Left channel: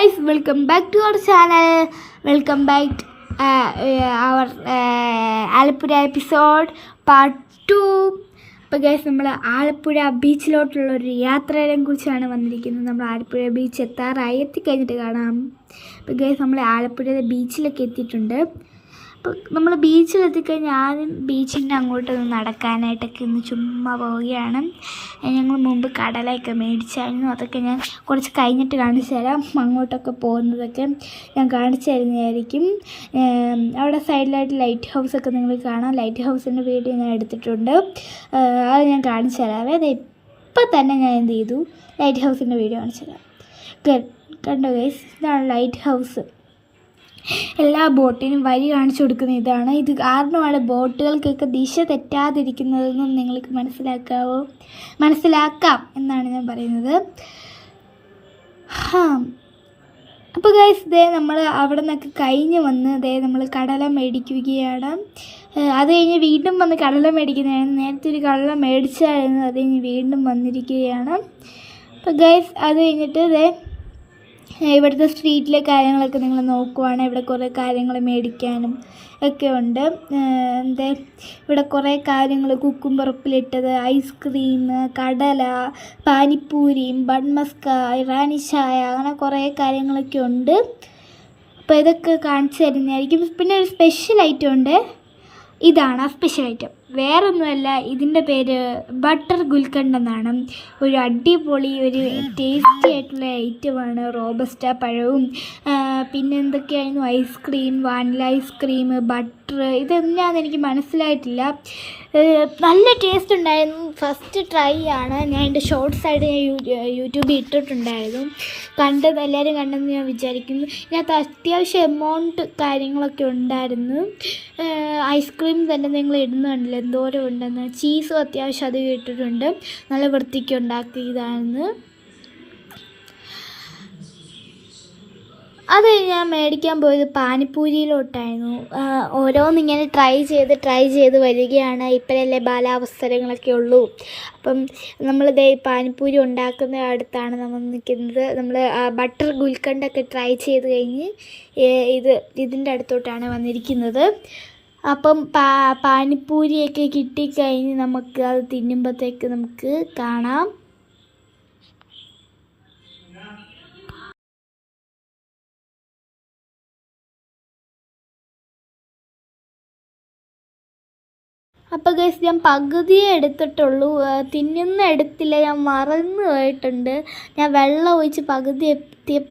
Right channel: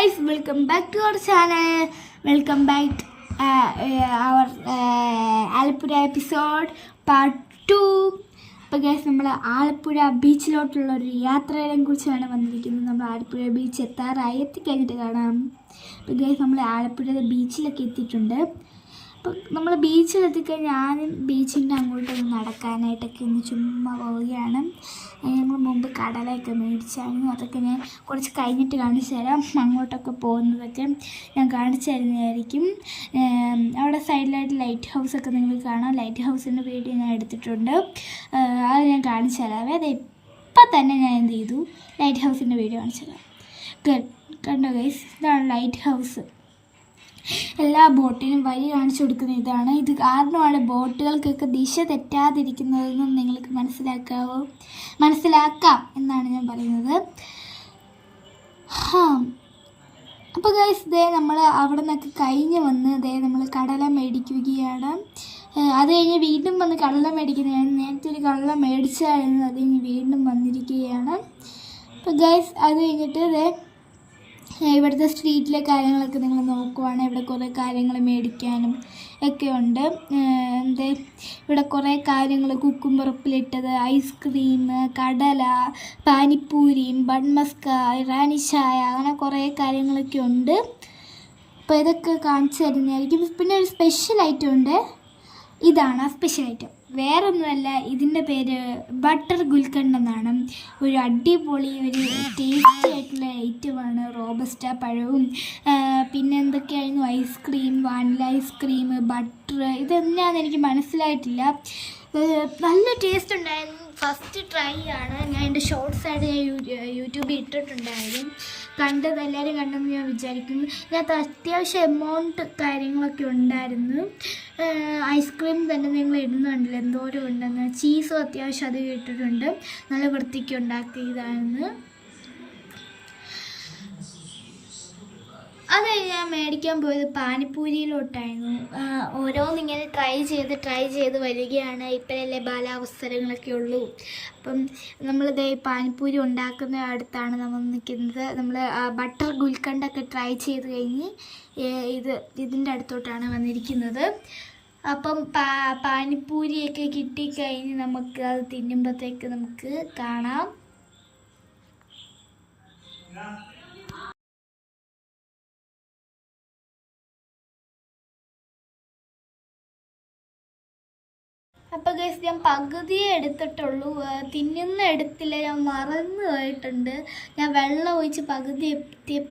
guys, welcome back to our channel. Welcome back our Alappuzha episode part 2. അപ്പോൾ guys, നമ്മൾ ആലപ്പുഴ ബീച്ചിലോട്ടുള്ളൊരു യാത്രയെ കുറിച്ചാണ് വന്നിരിക്കുന്നത്. നമ്മൾ ആലപ്പുഴ ബീച്ച് എത്തിക്കഴിഞ്ഞിട്ട് കാണാം. അപ്പോൾ ഗൈസ്, നമ്മൾ ആലപ്പുഴ ബീച്ചിലൊക്കെ എത്തിയിട്ടുണ്ട്. അപ്പോൾ നമ്മൾ ബീച്ചിലെത്തിക്കഴിഞ്ഞാൽ ആദ്യം ബീച്ചിൻ്റെ അങ്ങോട്ട് നടക്കാനായിട്ടൊക്കെ ഒന്ന് ചുമ്മാ പോവുകയാണ്. ഞങ്ങൾ മുമ്പ് കടലയൊക്കെ മേടിച്ചായിരുന്നു. അതൊക്കെ ഞാൻ കുറച്ച് കഴിഞ്ഞിട്ട് കാണിച്ചു തരാം. അങ്ങോട്ടൊക്കെ പോകുന്നതൊക്കെ ഞാൻ കാണിച്ചു തരുന്നതായിരിക്കും. അവിടെ സൈഡിലായിട്ട് ലൈറ്റ് ഹൗസൊക്കെ നിങ്ങൾ കാണാം. ലൈറ്റ് ഹൗസിൻ്റെ വീഡിയോ ഞാൻ എടുത്തിട്ടുണ്ട്. അത് ഞാൻ കാണിച്ചു തരാം. അത് ഇപ്പം തന്നെ ഞാൻ എന്ത് ചെയ്തു, ലൈറ്റ് ഹൗസിൻ്റെ വീഡിയോ കാണിച്ചു തരാം. കണ്ടോ ഗൈസ്, ഇതാണ് ലൈറ്റ് ഹൗസ്. എല്ലാ ബോട്ടിനും വഴി കാണിച്ചു കൊടുക്കുന്ന ഇതാണ്. ഇത് കാരണമാണ് ബോട്ടുകൾക്കൊക്കെ ദിശ തെറ്റാതിരിക്കുന്നതെന്നും നിങ്ങൾക്ക് മനസ്സിലാക്കാം എന്നാണ് ഞാൻ പറയുന്നത്. അപ്പോൾ ഗൈസ്, നമ്മൾ അവിടെ നിന്നൊക്കെ കഴിഞ്ഞ് വന്ന് നമ്മൾ കടല മേടിക്കുകയാണ്. അത് കഴിഞ്ഞ് വീണ്ടും വന്ന് കടല മേടിക്കുന്നതാണ്. നേരത്തെ ഒരു കടല മേടിച്ചായിരുന്നു, അത് കഴിഞ്ഞ് വീണ്ടും വന്നിരിക്കുകയാണ്. അപ്പോൾ ഗൈസ്, അത് കഴിഞ്ഞിട്ട് ഇവിടുത്തെ സ്ട്രീറ്റിലെ കാര്യങ്ങളൊക്കെ നിങ്ങൾ നോക്കുവാണ്. ഇവിടെ കുറേ കാര്യങ്ങൾ മേടിക്കാനും ഒക്കെ ഉണ്ട്. ഇവിടെ കുറേ കാര്യങ്ങൾ, കുക്കുംബർ ഉപ്പിലിട്ടത്, ഐസ്ക്രീം, കടല, പാനിപ്പൂരിയും ബൺമസ്ക, ഇറാനി ചായ, അങ്ങനെ കുറേ കാര്യങ്ങളൊക്കെ ഉണ്ട്. അപ്പോൾ ഇതൊക്കെ കാണിച്ചു തരുന്നതായിരിക്കും. പിന്നെ ഒരു സ്പെഷ്യൽ ഐറ്റം ഉണ്ട്. ഇതാണ് ആ സ്പെഷ്യൽ ഐറ്റം. വേറൊന്നുമല്ല, ഇതിൻ്റെ പേര് ബട്ടർ ഗുൽക്കണ്ട് എന്നാണ്. ഒരു അടിപൊളി ഒരു ടേസ്റ്റി ആയിട്ടുള്ള ഐറ്റമാണ്. റോബസ്റ്റ പഴവും പിന്നെ എന്തൊക്കെയായിരുന്നു, ഐസ്ക്രീം, വാനില ഐസ്ക്രീം, ബട്ടർ, ഇതെന്നാന്ന് എനിക്ക് മനസ്സിലായിട്ടില്ല. നല്ല ടേസ്റ്റ് ഉണ്ടായിരുന്നു. ഫസ്റ്റ് ട്രൈ ആണ്. ഞാൻ എൻ്റെ ഷോർട്സ് ആയിട്ട് ഞാൻ യൂട്യൂബിൽ ഇട്ടിട്ടുണ്ടായിരുന്നു. എല്ലാവരും കണ്ടെന്ന് ഞാൻ വിചാരിക്കുന്നു. ഇതിനകത്ത് അത്യാവശ്യം എമൗണ്ട് കാര്യങ്ങളൊക്കെ ഉണ്ടായിരുന്നു. ഐസ്ക്രീം തന്നെ നിങ്ങൾ ഇടുന്നുണ്ടല്ലോ എന്തോരം ഉണ്ടെന്ന്. ചീസും അത്യാവശ്യം അത് ഇട്ടിട്ടുണ്ട്. നല്ല വൃത്തിക്ക് ഉണ്ടാക്കിയതാണ്. അത് ഞാൻ മേടിക്കാൻ പോയത് പാനിപ്പൂരിയിലോട്ടായിരുന്നു. ഓരോന്നിങ്ങനെ ട്രൈ ചെയ്ത് വരികയാണ്. ഇപ്പോഴല്ലേ ബാലാവസരങ്ങളൊക്കെ ഉള്ളൂ. അപ്പം നമ്മൾ പാനിപ്പൂരി ഉണ്ടാക്കുന്ന അടുത്താണ് നമ്മൾ നിൽക്കുന്നത്. നമ്മൾ ബട്ടർ ഗുൽക്കണ്ടൊക്കെ ട്രൈ ചെയ്ത് കഴിഞ്ഞ് ഇതിൻ്റെ അടുത്തോട്ടാണ് വന്നിരിക്കുന്നത്. അപ്പം പാനിപ്പൂരിയൊക്കെ കിട്ടിക്കഴിഞ്ഞ് നമുക്ക് അത് തിന്നുമ്പോഴത്തേക്ക് നമുക്ക് കാണാം. അപ്പോൾ ഗൈസ്, ഞാൻ പകുതിയേ എടുത്തിട്ടുള്ളൂ. തിന്നുന്ന എടുത്തില്ല, ഞാൻ മറന്നു പോയിട്ടുണ്ട്. ഞാൻ വെള്ളം ഒഴിച്ച് പകുതി